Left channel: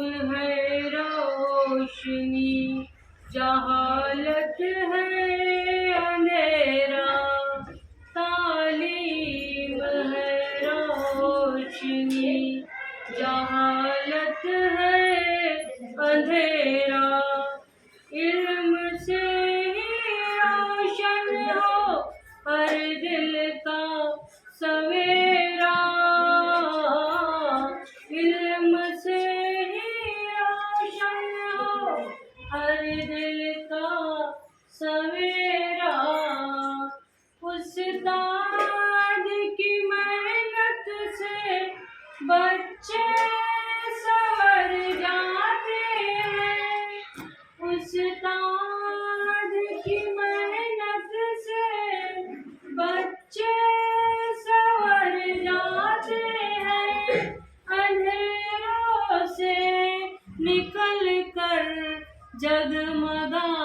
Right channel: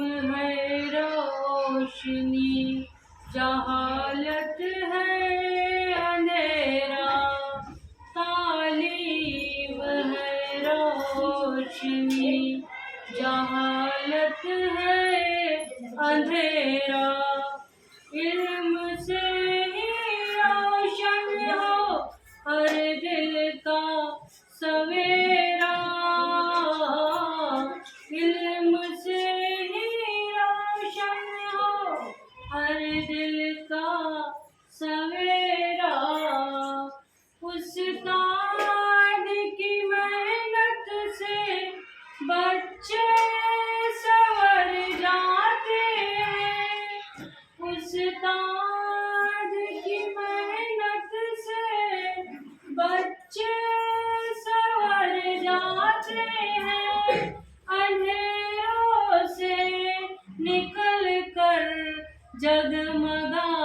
है रोशनी, जहालत है अंधेरा। तालीम है रोशनी, जहालत है अंधेरा। इल्म से ही रोशन हो हर दिल का सवेरा। इल्म से ही रोशन हो हर दिल का सवेरा। उस्ताद की मेहनत से बच्चे संवर जाते हैं। उस्ताद की मेहनत से बच्चे संवर जाते हैं। अंधेरों से निकल कर जगमगा